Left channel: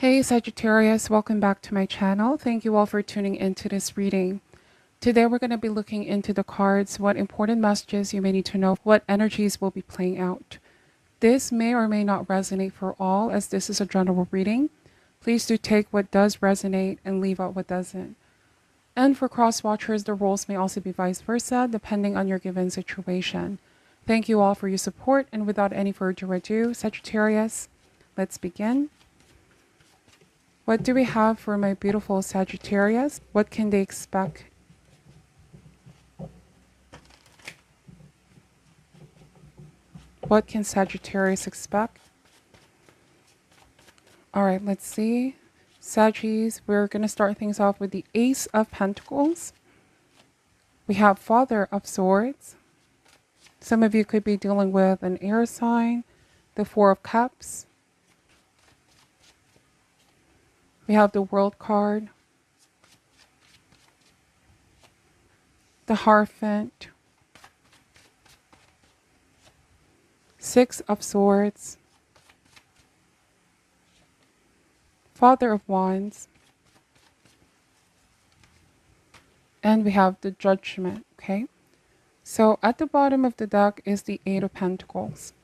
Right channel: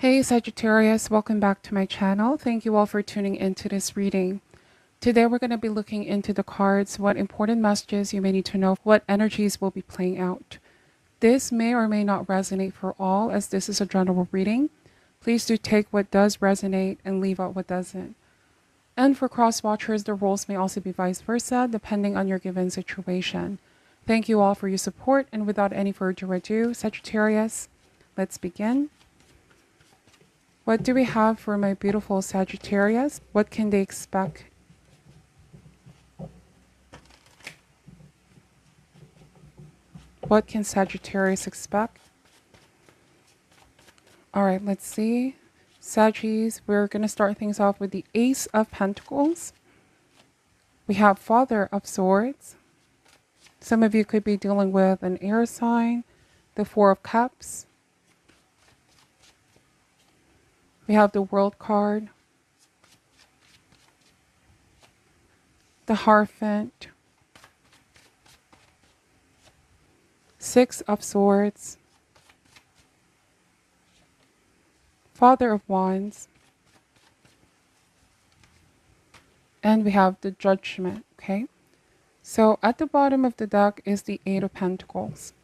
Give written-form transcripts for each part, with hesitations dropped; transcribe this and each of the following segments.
Hey Sagittarius, welcome back to my channel. Thank you all for tuning into this reading. Today we're going to be looking into the cards, what important messages you may need to know, what energies will be playing out. This may or may not resonate for all, as this is a general reading. Please do take what does resonate and leave out what doesn't. And for cross watchers, the roles may also be vice versa, depending on your given situation. Thank you all for your support, and without any further ado, Sagittarius, let's begin. What do we have for my beautiful Sagittarius? What can they expect? What can Sagittarius expect? All right, let's see. Saggies, we're going to start things off with the Ace of Pentacles. We have Father of Swords. Some of you could be dealing with an air sign. The Four of Cups. We have the World card. The Hierophant. Six of Swords. Father of Wands. And we have the Judgment, okay? So at the bottom of the deck is the Eight of Pentacles.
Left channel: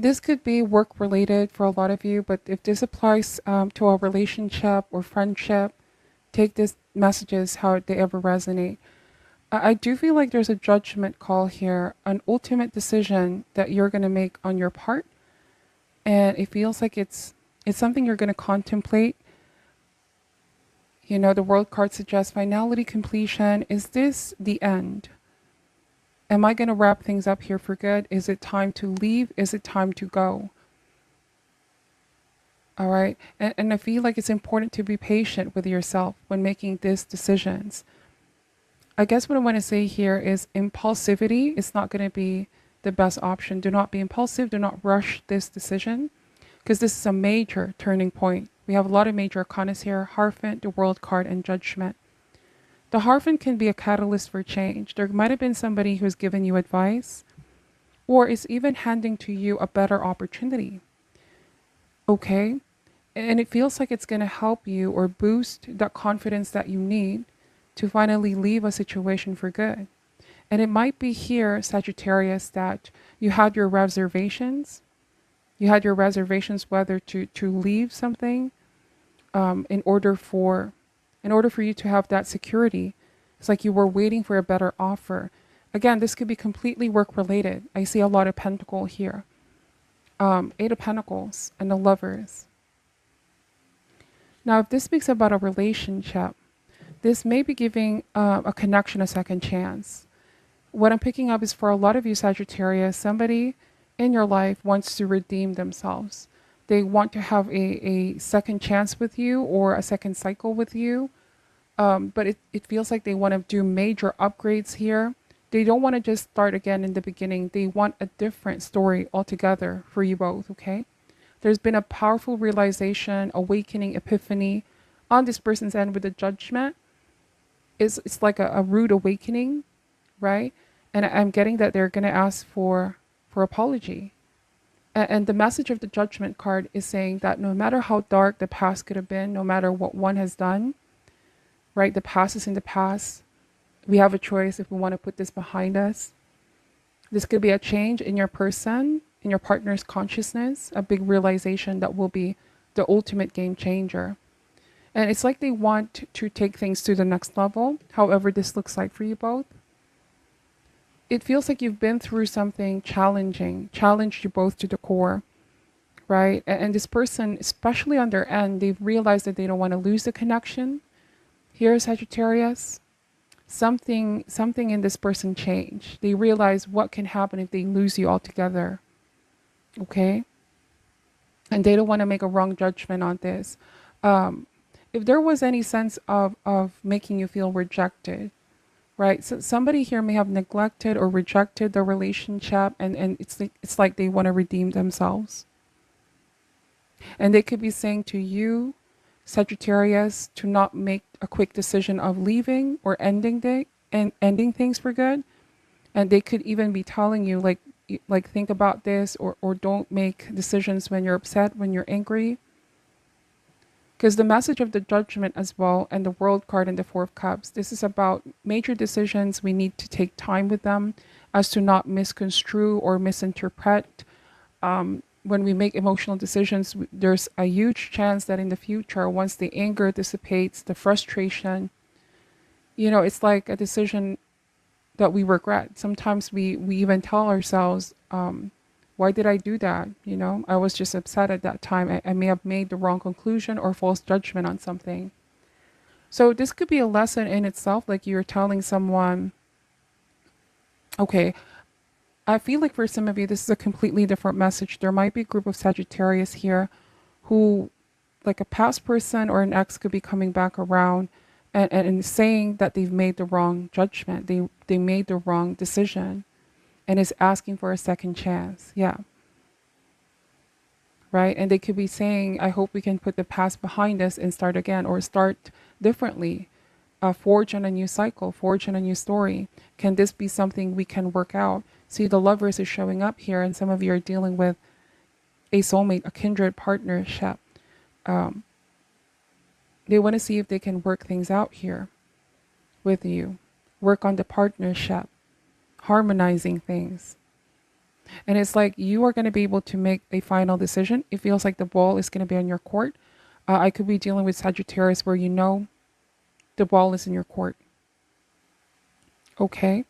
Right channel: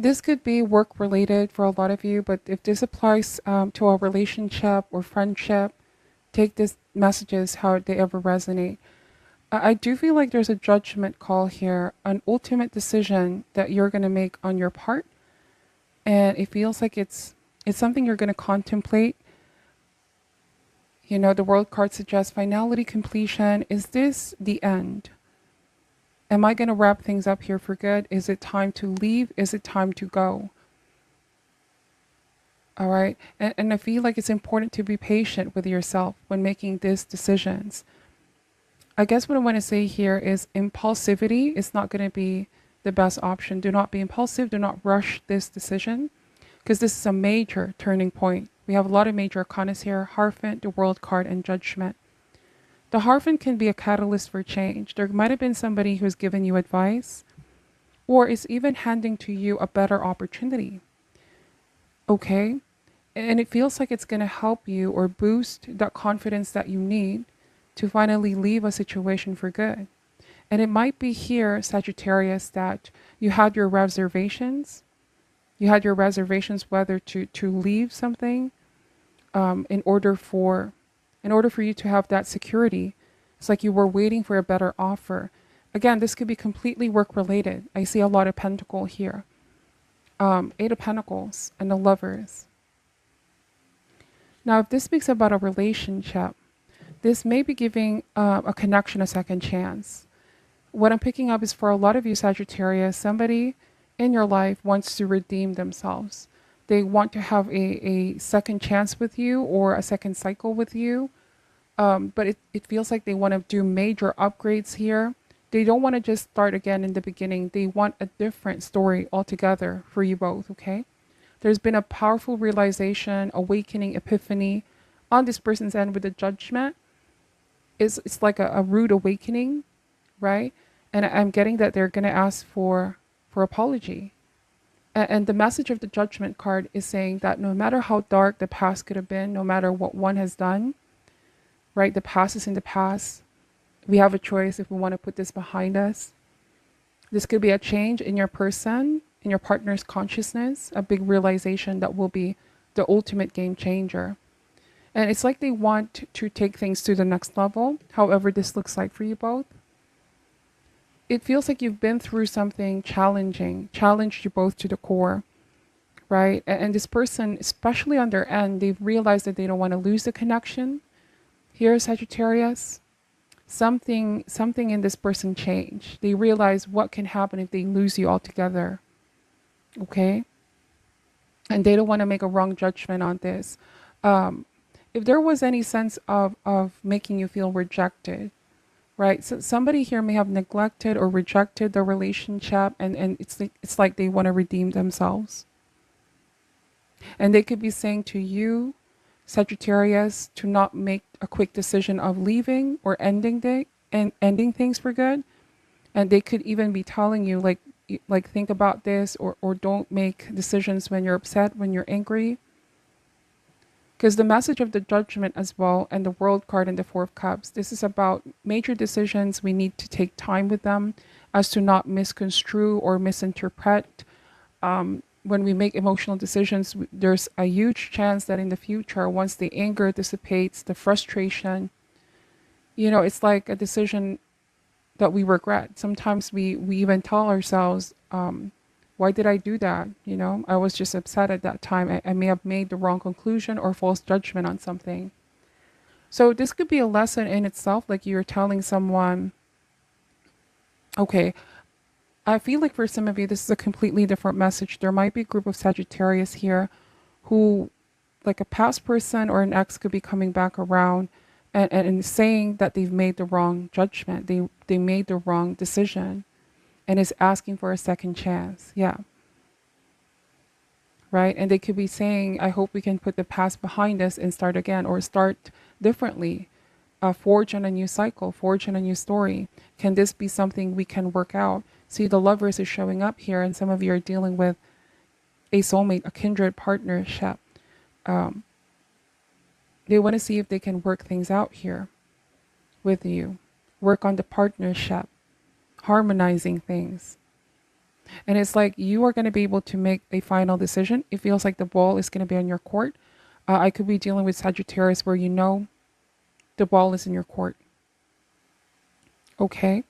This could be work related for a lot of you, but if this applies to a relationship or friendship, take these messages how they ever resonate. I do feel like there's a judgment call here, an ultimate decision that you're going to make on your part. And it feels like it's something you're going to contemplate. You know, the World card suggests finality, completion. Is this the end? Am I going to wrap things up here for good? Is it time to leave? Is it time to go? All right. And I feel like it's important to be patient with yourself when making these decisions. I guess what I want to say here is impulsivity is not going to be the best option. Do not be impulsive. Do not rush this decision, because this is a major turning point. We have a lot of major arcanas here: Hierophant, the World card, and Judgment. The Hierophant can be a catalyst for change. There might have been somebody who's given you advice, or is even handing to you a better opportunity. Okay? And it feels like it's going to help you or boost that confidence that you need to finally leave a situation for good. And it might be here, Sagittarius, that you had your reservations. You had your reservations whether to leave something in order for you to have that security. It's like you were waiting for a better offer. Again, this could be completely work related. I see a lot of pentacle here. Eight of Pentacles and the Lovers. Now, if this speaks about a relationship, this may be giving a connection a second chance. What I'm picking up is for a lot of you Sagittarius, somebody in your life wants to redeem themselves. They want to have a second chance with you or a second cycle with you. But it feels like they want to do major upgrades here. They don't want to just start again in the beginning. They want a different story altogether for you both, okay? There's been a powerful realization, awakening, epiphany on this person's end with the Judgment. It's like a rude awakening, right? And I'm getting that they're going to ask for apology. And the message of the Judgment card is saying that no matter how dark the past could have been, no matter what one has done, right? The past is in the past. We have a choice if we want to put this behind us. This could be a change in your person, in your partner's consciousness, a big realization that will be the ultimate game changer. And it's like they want to take things to the next level, however this looks like for you both. It feels like you've been through something challenging, challenged you both to the core, right? And this person, especially on their end, they've realized that they don't want to lose the connection. Here, Sagittarius, something in this person changed. They realize what can happen if they lose you altogether. Okay? And they don't want to make a wrong judgment on this. If there was any sense of making you feel rejected, right? So somebody here may have neglected or rejected the relationship, and it's like they want to redeem themselves. And they could be saying to you, Sagittarius, to not make a quick decision of leaving or ending things for good. And they could even be telling you, like think about this, or don't make decisions when you're upset, when you're angry. Because the message of the judgment as well, and the world card and the four of cups, this is about major decisions. We need to take time with them as to not misconstrue or misinterpret. When we make emotional decisions, there's a huge chance that in the future, once the anger dissipates, the frustration, it's like a decision that we regret. Sometimes we even tell ourselves, why did I do that? I was just upset at that time. I may have made the wrong conclusion or false judgment on something. So this could be a lesson in itself, like you're telling someone, okay, I feel like for some of you, this is a completely different message. There might be a group of Sagittarius here who, like a past person or an ex, could be coming back around and saying that they've made the wrong judgment. They made the wrong decision and is asking for a second chance. Yeah. Right. And they could be saying, I hope we can put the past behind us and start again, or start differently, forge on a new cycle, forge on a new story. Can this be something we can work out? See, the Lovers is showing up here, and some of you are dealing with a soulmate, a kindred partnership. They want to see if they can work things out here with you. Work on the partnership, harmonizing things. And it's like you are going to be able to make a final decision. It feels like the ball is going to be on your court. I could be dealing with Sagittarius where the ball is in your court. Okay.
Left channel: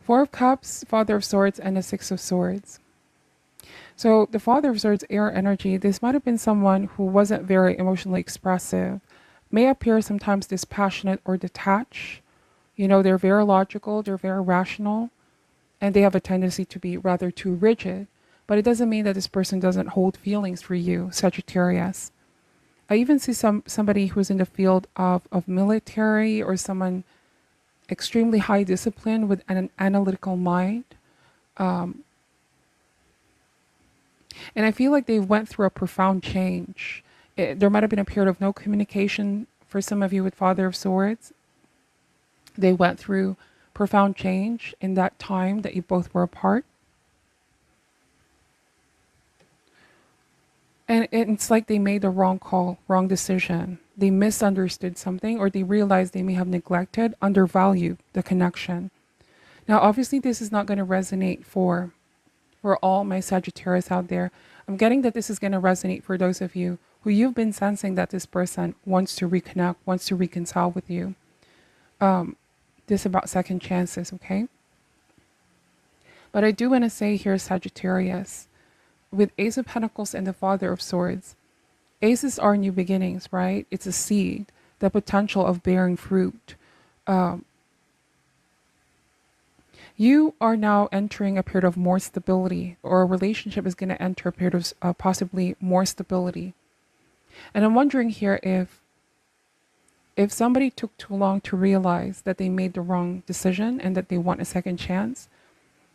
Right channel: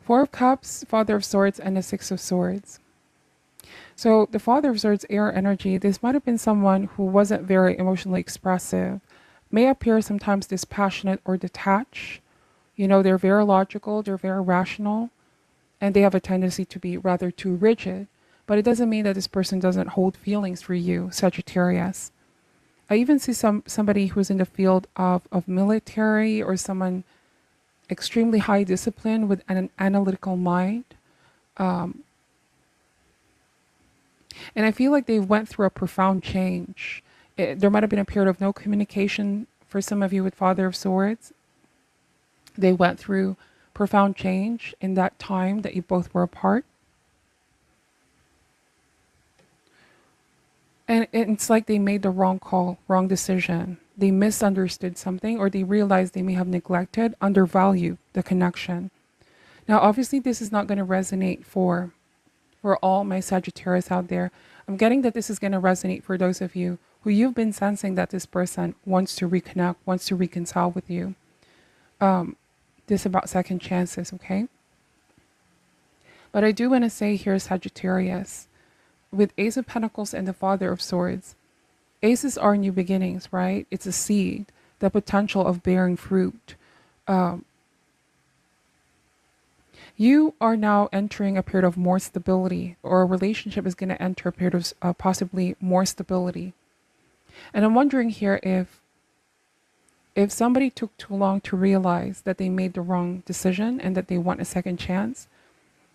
Four of Cups, Father of Swords, and the Six of Swords. So the Father of Swords, air energy, this might have been someone who wasn't very emotionally expressive, may appear sometimes dispassionate or detached. They're very logical, they're very rational, and they have a tendency to be rather too rigid. But it doesn't mean that this person doesn't hold feelings for you, Sagittarius. I even see somebody who's in the field of military, or someone extremely high discipline with an analytical mind. And I feel like they went through a profound change. There might have been a period of no communication for some of you with Father of Swords. They went through profound change in that time that you both were apart. And it's like they made the wrong call, wrong decision. They misunderstood something, or they realized they may have neglected, undervalued the connection. Now, obviously, this is not going to resonate for all my Sagittarius out there. I'm getting that this is going to resonate for those of you who you've been sensing that this person wants to reconnect, wants to reconcile with you. This is about second chances, okay? But I do want to say here, Sagittarius, with Ace of Pentacles and the Father of Swords, aces are new beginnings, right? It's a seed, the potential of bearing fruit. You are now entering a period of more stability, or a relationship is going to enter a period of possibly more stability. And I'm wondering here if somebody took too long to realize that they made the wrong decision and that they want a second chance,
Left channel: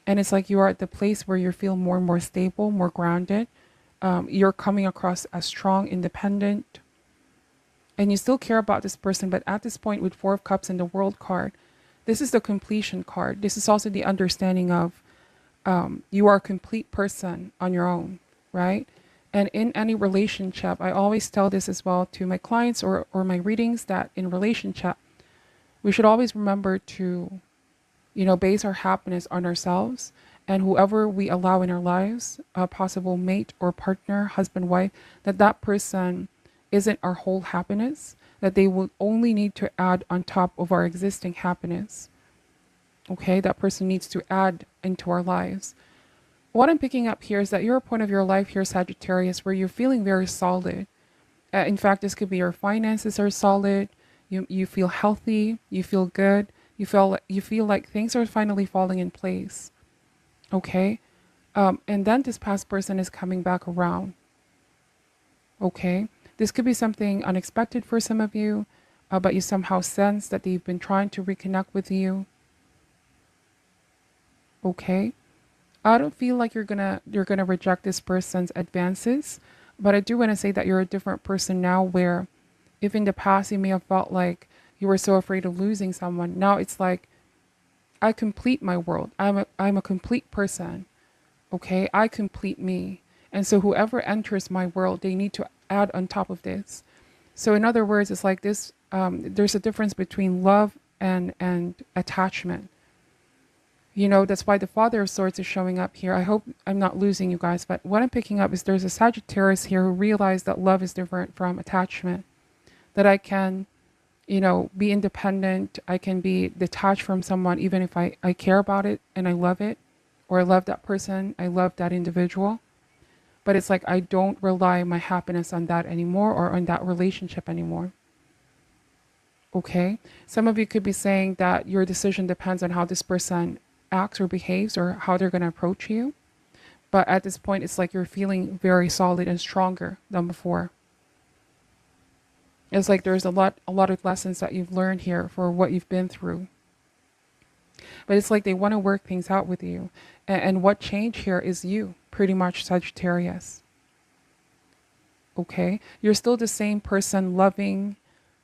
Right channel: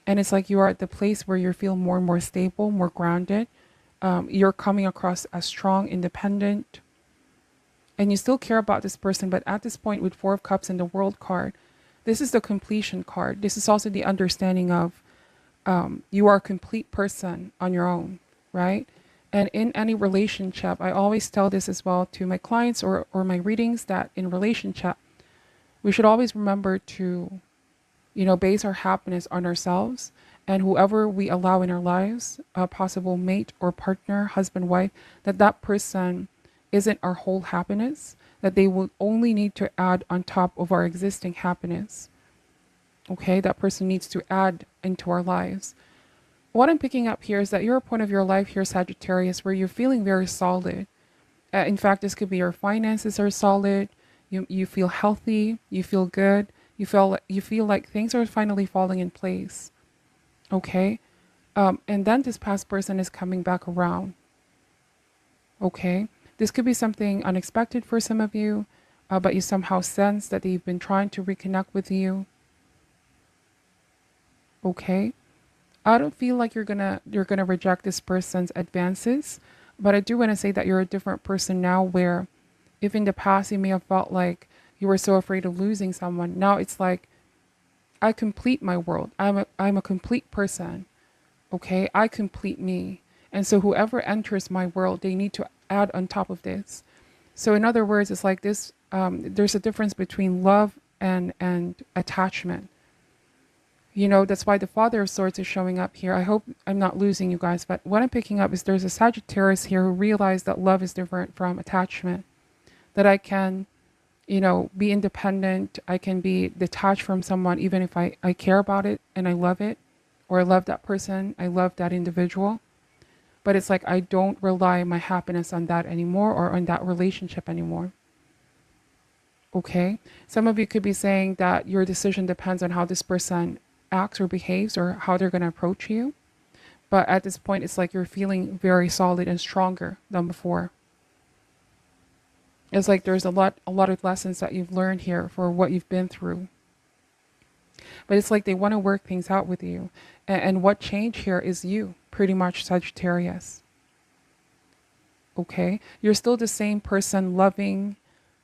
and it's like you are at the place where you feel more and more stable, more grounded. You're coming across as strong, independent, and you still care about this person. But at this point, with Four of Cups and the World card, this is the completion card. This is also the understanding of you are a complete person on your own, right? And in any relationship, I always tell this as well to my clients or my readings, that in relationship, we should always remember to, base our happiness on ourselves, and whoever we allow in our lives, a possible mate or partner, husband, wife, that person isn't our whole happiness, that they will only need to add on top of our existing happiness. Okay, that person needs to add into our lives. What I'm picking up here is that you're a point of your life here, Sagittarius, where you're feeling very solid. In fact, this could be your finances are solid. You feel healthy. You feel good. You feel like things are finally falling in place. Okay, and then this past person is coming back around. Okay, this could be something unexpected for some of you, but you somehow sense that they've been trying to reconnect with you. Okay, I don't feel like you're gonna reject this person's advances, but I do want to say that you're a different person now, where if in the past you may have felt like you were so afraid of losing someone, now it's like, I complete my world. I'm a complete person. Okay, I complete me. And so whoever enters my world, they need to add on top of this. So in other words, it's like this, there's a difference between love and attachment. You know, that's why the Father of Swords is showing up here. I hope I'm not losing you guys, but what I'm picking up is there's a Sagittarius here who realized that love is different from attachment. That I can, you know, be independent. I can be detached from someone even if I care about it and I love it, or I love that person, I love that individual. But it's like I don't rely my happiness on that anymore or on that relationship anymore. Okay? Some of you could be saying that your decision depends on how this person acts or behaves or how they're going to approach you. But at this point, it's like you're feeling very solid and stronger than before. It's like there's a lot of lessons that you've learned here for what you've been through. But it's like they want to work things out with you. And what changed here is you, pretty much, Sagittarius. Okay? You're still the same person, loving,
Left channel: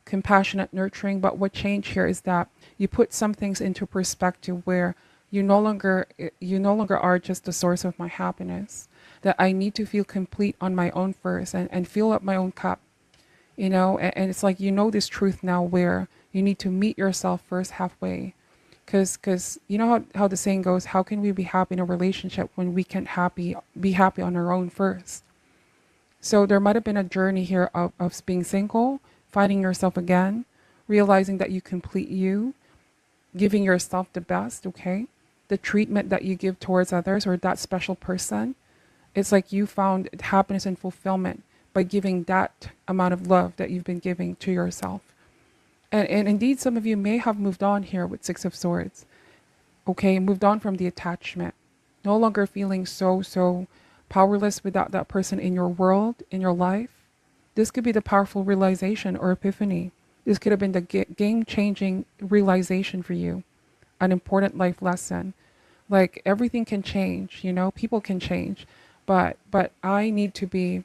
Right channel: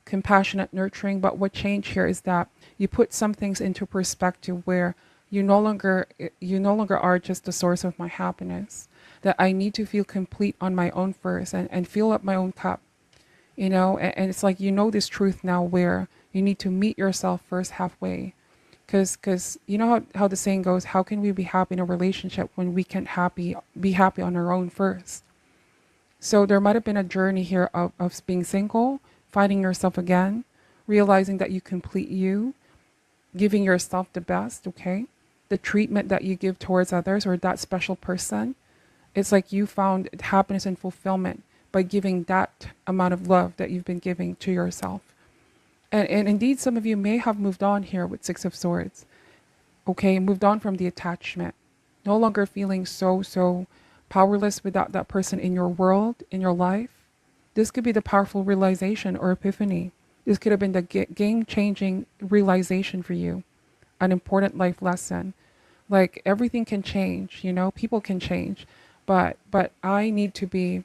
compassionate, nurturing, but what changed here is that you put some things into perspective where you no longer are just the source of my happiness. That I need to feel complete on my own first and fill up my own cup. You know, and it's like you know this truth now where you need to meet yourself first halfway. Because you know how the saying goes, how can we be happy in a relationship when we can't be happy on our own first? So there might have been a journey here of being single, finding yourself again, realizing that you complete you, giving yourself the best, okay? The treatment that you give towards others or that special person. It's like you found happiness and fulfillment by giving that amount of love that you've been giving to yourself. And indeed, some of you may have moved on here with Six of Swords. Okay, moved on from the attachment. No longer feeling so powerless without that person in your world, in your life. This could be the powerful realization or epiphany. This could have been the game-changing realization for you. An important life lesson. Like everything can change, you know, people can change. But I need to be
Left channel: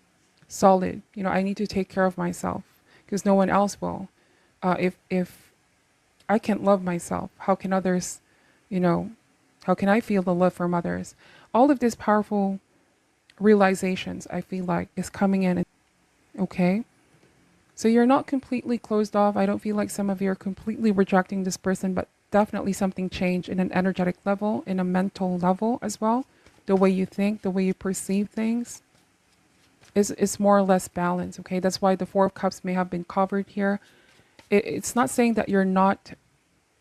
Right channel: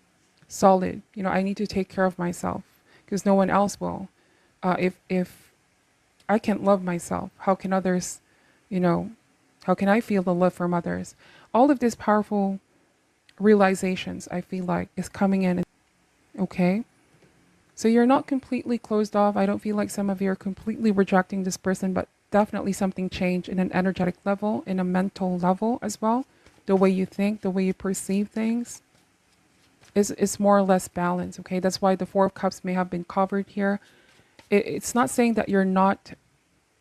solid. You know, I need to take care of myself because no one else will. If I can't love myself, how can others, you know, how can I feel the love from others? All of these powerful realizations, I feel like, is coming in. Okay? So you're not completely closed off. I don't feel like some of you are completely rejecting this person, but definitely something changed in an energetic level, in a mental level as well. The way you think, the way you perceive things is more or less balanced. Okay? That's why the Four of Cups may have been covered here. It's not saying that you're not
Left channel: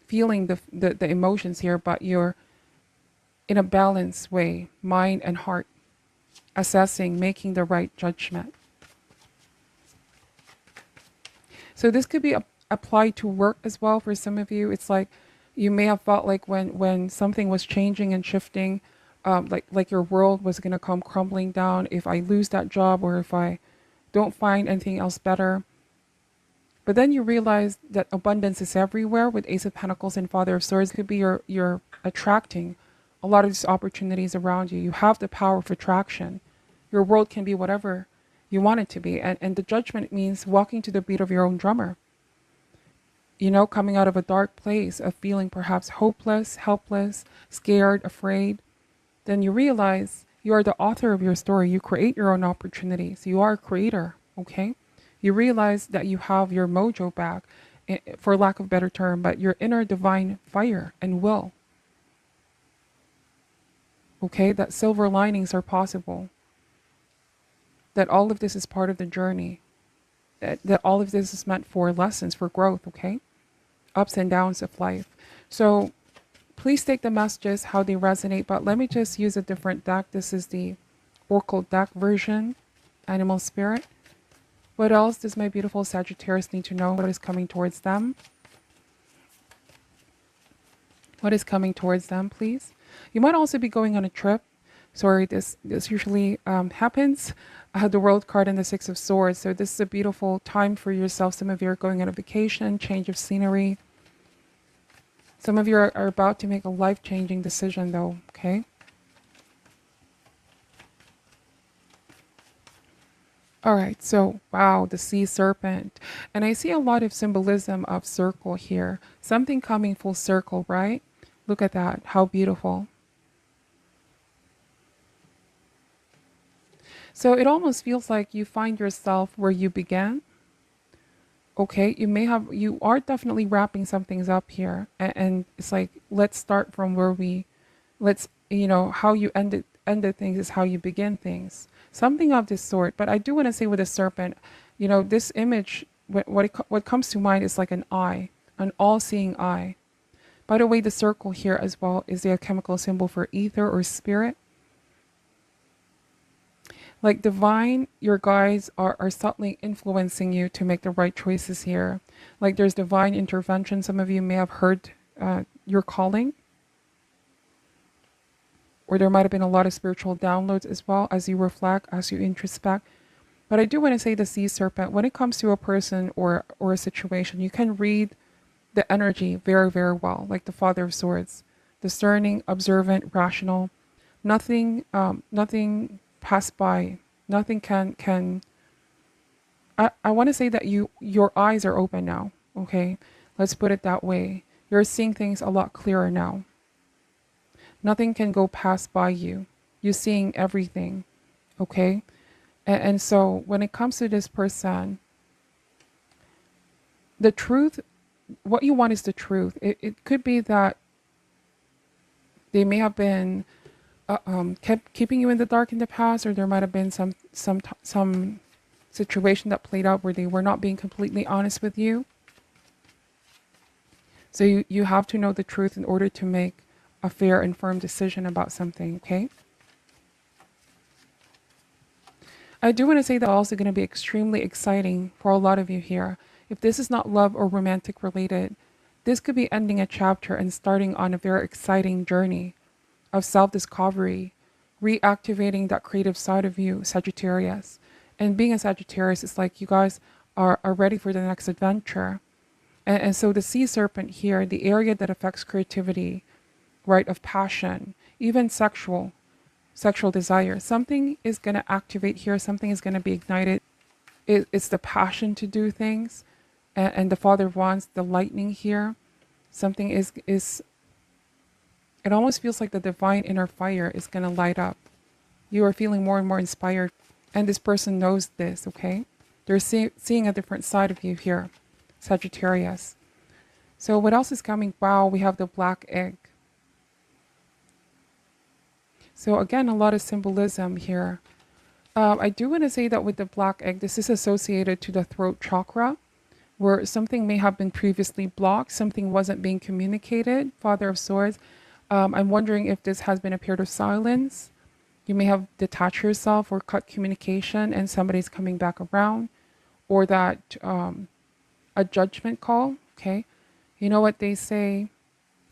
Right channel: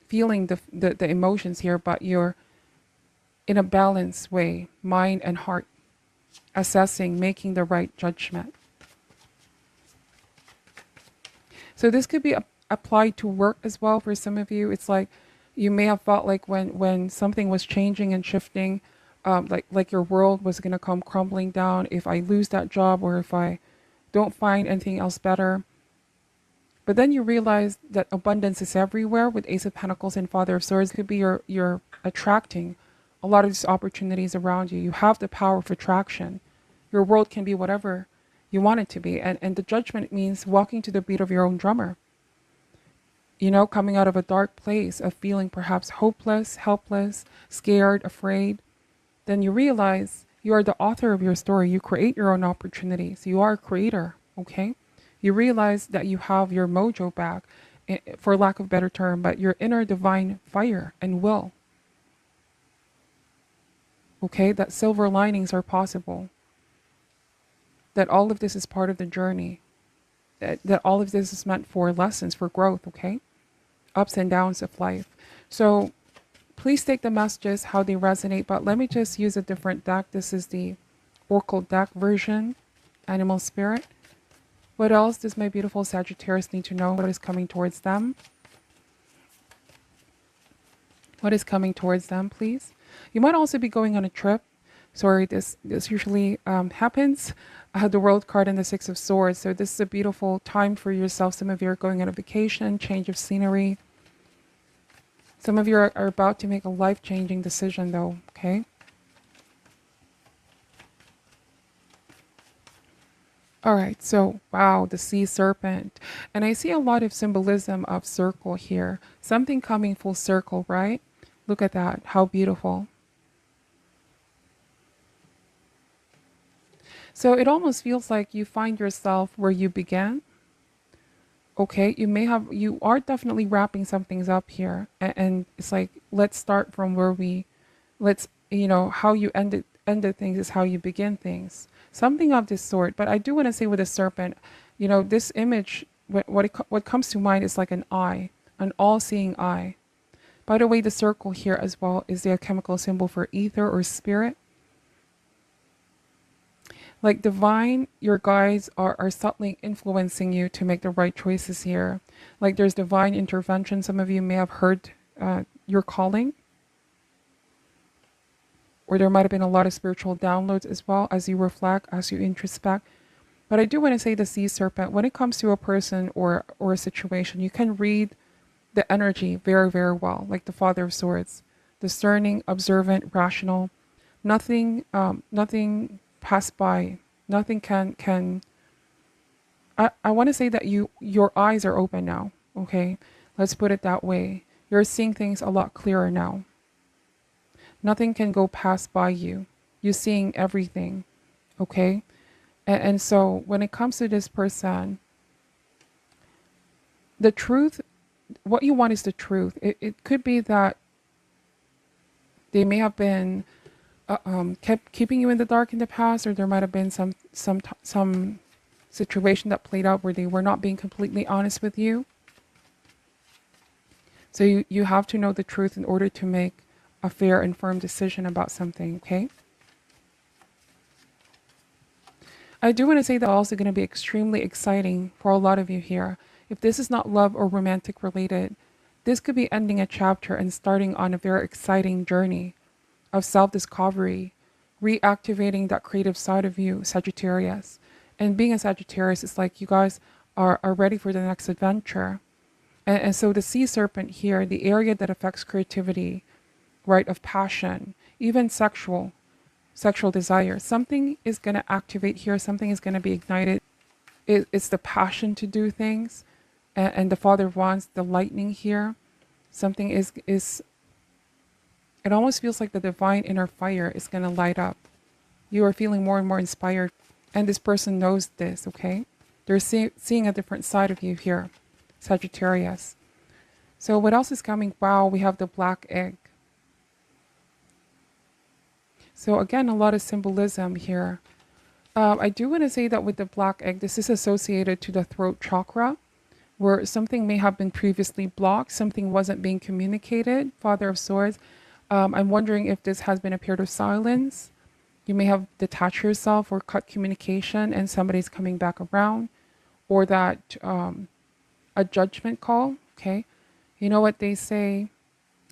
feeling the emotions here, but you're in a balanced way, mind and heart, assessing, making the right judgment. So this could be applied to work as well for some of you. It's like you may have felt like when something was changing and shifting, like your world was going to come crumbling down if I lose that job or if I don't find anything else better. But then you realize that abundance is everywhere with Ace of Pentacles and Father of Swords. It could be you're attracting a lot of these opportunities around you. You have the power of attraction. Your world can be whatever you want it to be. And the judgment means walking to the beat of your own drummer. You know, coming out of a dark place of feeling perhaps hopeless, helpless, scared, afraid. Then you realize you are the author of your story. You create your own opportunities. You are a creator, okay? You realize that you have your mojo back, for lack of a better term, but your inner divine fire and will. Okay, that silver linings are possible. That all of this is part of the journey. That all of this is meant for lessons, for growth, okay? Ups and downs of life. So please take the messages how they resonate, but let me just use a different deck. This is the Oracle deck version, Animal Spirit. What else does my beautiful Sagittarius need to know? What is coming towards them? What is coming towards them, please? You might also be going on a trip. Sorry, this usually happens. I had the World card and the Six of Swords. So this is a beautiful time for yourself. Some of you are going on a vacation, change of scenery. Some of you are about to make a life-changing decision though, okay? All right, so wow, the sea serpent. And I see a lot of symbolism of circle here. Something coming full circle, right? Look at that, how beautiful. So it almost feels like you find yourself where you began. Okay, you are definitely wrapping some things up here. And it's like, let's start from where how you ended things is how you begin things. Something of this sort. But I do want to say with a serpent, this image, what comes to mind is like an eye, an all-seeing eye. By the way, the circle here as well is the chemical symbol for ether or spirit. Like divine, your guides are subtly influencing you to make the right choices here. Like there's divine intervention. Some of you may have heard your calling, or there might have been a lot of spiritual downloads as well as you reflect, as you introspect. But I do want to say the sea serpent, when it comes to a person or a situation, you can read the energy very, very well, like the Father of Swords. Discerning, observant, rational. Nothing passed by. Nothing can I want to say that your eyes are open now, okay? Let's put it that way. You're seeing things a lot clearer now. Nothing can go past by you. You're seeing everything, okay? And so when it comes to this person, the truth, what you want is the truth. It could be that they may have been kept keeping you in the dark in the past, or there might have been some situation that played out where they were not being completely honest with you. So you have to know the truth in order to make a fair and firm decision about something, okay? I do want to say that also going to be extremely exciting for a lot of you here. If this is not love or romantic related, this could be ending a chapter and starting on a very exciting journey of self-discovery, reactivating that creative side of you, Sagittarius. And being a Sagittarius is like you guys are ready for the next adventure. And so the sea serpent here, the area that affects creativity, right, of passion, even sexual desire, something is going to activate here, something is going to be ignited. It's the passion to do things. And the Father of Wands, the lightning here, something is it almost feels like the divine inner fire is going to light up. You are feeling more and more inspired. And this person knows this, okay? They're seeing a different side of you here, Sagittarius. So what else is coming? Wow, we have the black egg. So again, a lot of symbolism here. I do want to say that with the black egg, this is associated to the throat chakra, where something may have been previously blocked, something wasn't being communicated, Father of Swords. I'm wondering if this has been a period of silence. You may have detached yourself or cut communication and somebody's coming back around, or that a judgment call, okay? You know what they say?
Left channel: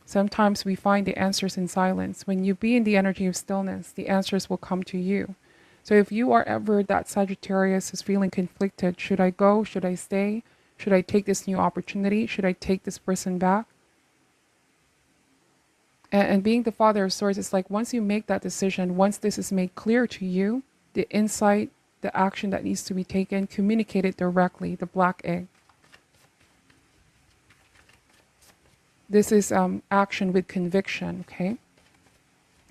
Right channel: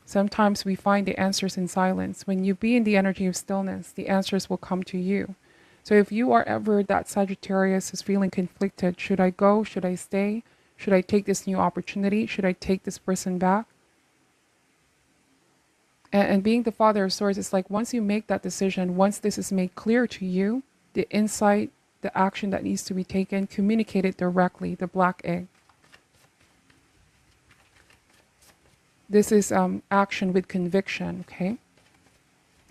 Sometimes we find the answers in silence. When you be in the energy of stillness, the answers will come to you. So if you are ever that Sagittarius is feeling conflicted, should I go? Should I stay? Should I take this new opportunity? Should I take this person back? And being the Father of Swords is like, once you make that decision, once this is made clear to you, the insight, the action that needs to be taken, communicate it directly, the black egg. This is action with conviction, okay?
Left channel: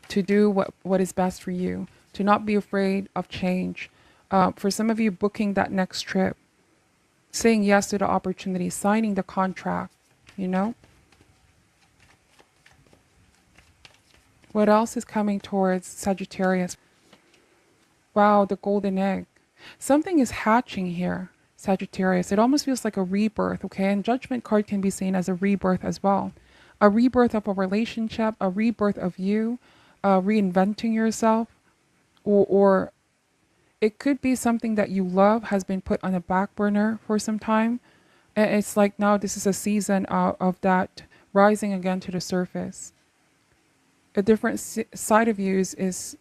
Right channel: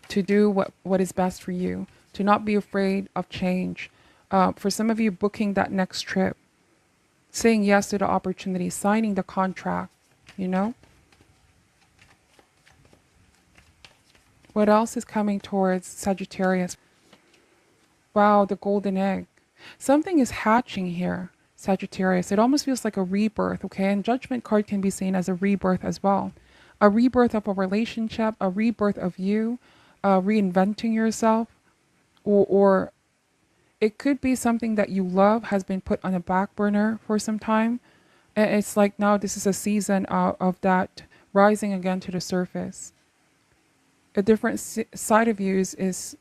To do what is best for you, to not be afraid of change. For some of you, booking that next trip, saying yes to the opportunity, signing the contract, you know? What else is coming towards Sagittarius? Wow, the golden egg. Something is hatching here, Sagittarius. It almost feels like a rebirth, okay? And Judgment card can be seen as a rebirth as well. A rebirth of a relationship, a rebirth of you, reinventing yourself, or it could be something that you love has been put on the back burner for some time. And it's like now this is a season of that rising again to the surface. A different side of you is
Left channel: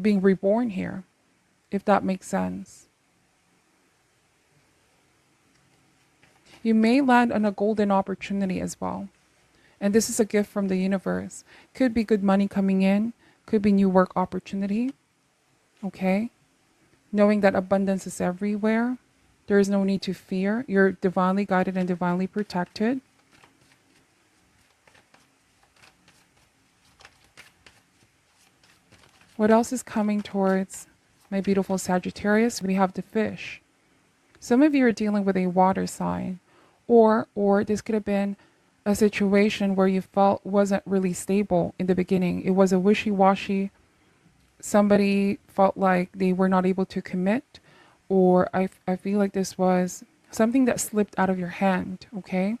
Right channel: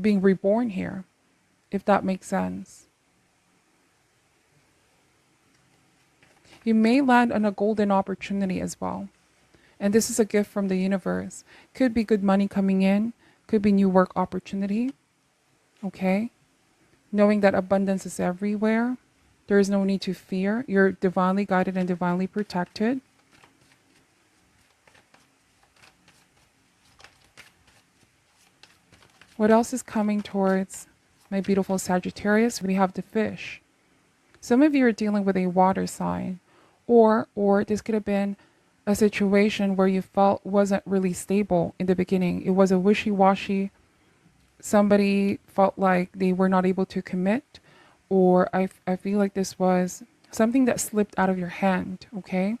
being reborn here, if that makes sense. You may land on a golden opportunity as well. And this is a gift from the universe. Could be good money coming in, could be new work opportunity. Okay? Knowing that abundance is everywhere. There is no need to fear. You're divinely guided and divinely protected. What else is coming towards my beautiful Sagittarius? We have the fish. Some of you are dealing with a water sign. Or this could have been a situation where you felt wasn't really stable in the beginning. It was a wishy-washy. Somebody felt like they were not able to commit, or I feel like this was something that slipped out of your hand, okay?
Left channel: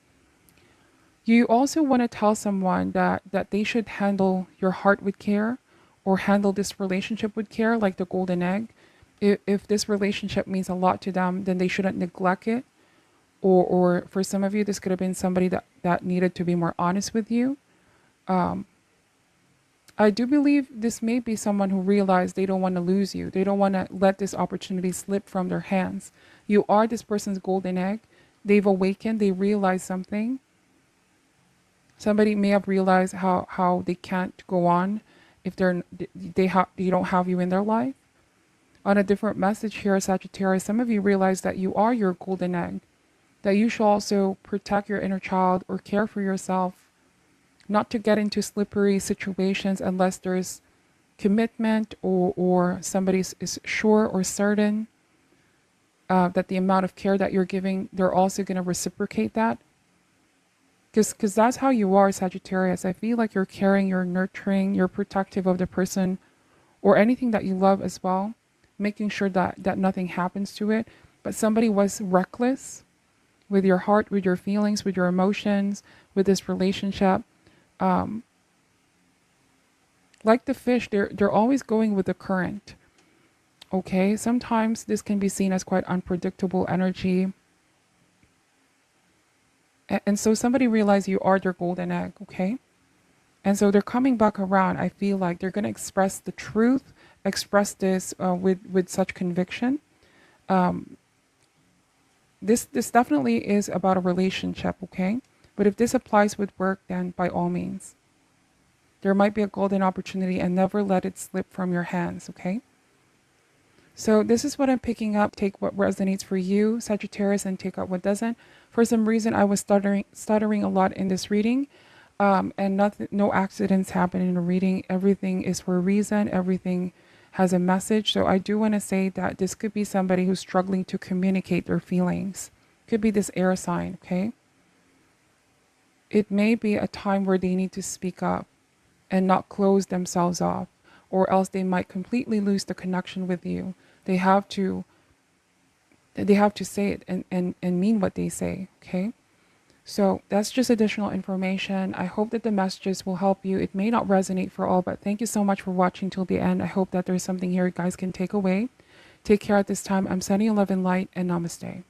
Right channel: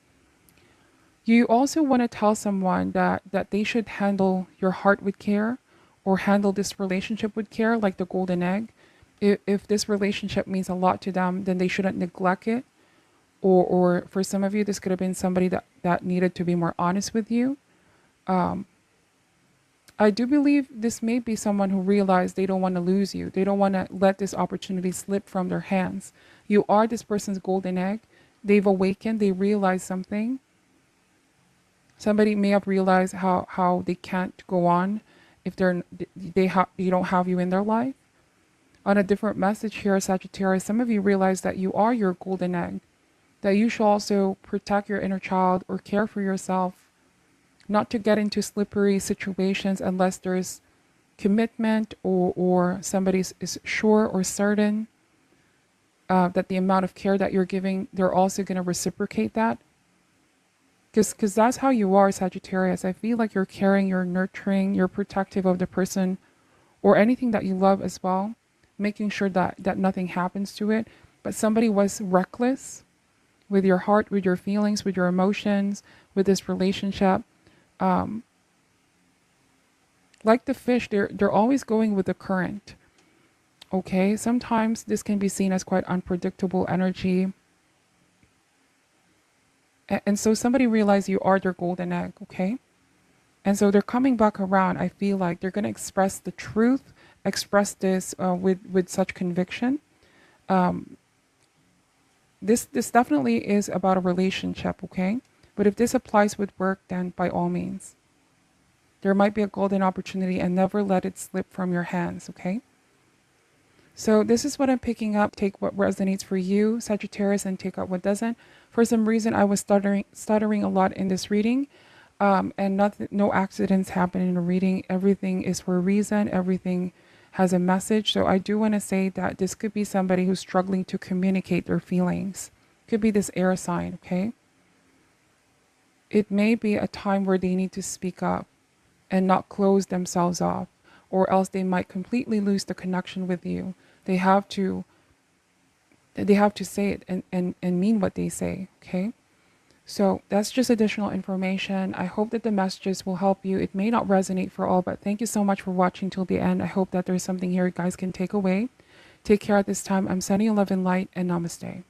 You also want to tell someone that they should handle your heart with care, or handle this relationship with care, like the golden egg. If this relationship means a lot to them, then they shouldn't neglect it. Or for some of you, this could have been somebody that needed to be more honest with you. Um, I do believe this may be someone who realized they don't want to lose you. They don't want to let this opportunity slip from their hands. You are this person's golden egg. They've awakened. They realized something. Somebody may have realized how they can't go on if they don't have you in their life. On a different message here, Sagittarius, some of you realize that you are your golden egg, that you should also protect your inner child or care for yourself, not to get into slippery situations unless there's commitment, or somebody is sure or certain that the amount of care that you're giving, they're also going to reciprocate that. Because that's how you are, Sagittarius. I feel like you're caring, you're nurturing, you're protective of the person or anything that you love as well, making sure that nothing happens to it. But somebody was reckless with your heart, with your feelings, with your emotions, with this relationship. Um, like the fish, they're always going with the current. Okay, sometimes this can be seen as quite unpredictable energy. And so somebody realized you are their golden egg, okay? And so they're coming back around. I feel like they're going to express the truth, express this with such conviction. Um, this definitely is about a relationship, okay? But if this applies with work, then by all means, there might be a golden opportunity, and never let it slip from your hands, okay? So this is what I'm picking up. Take what resonates for you, Sagittarius, and take out what doesn't. For some reason, I was stuttering a lot in this reading, and nothing, no accidents happen in a reading. Everything is for a reason. Everything has a message. So I do want to say that this could be somebody who's struggling to communicate their feelings. Could be this air sign, okay? It may be a time where they need to speak up and not close themselves off, or else they might completely lose the connection with you. They have to say it and mean what they say, okay? So that's just additional information. I hope that the messages will help you. It may not resonate for all, but thank you so much for watching till the end. I hope that there's something here you guys can take away. Take care at this time. I'm sending you love and light, and namaste.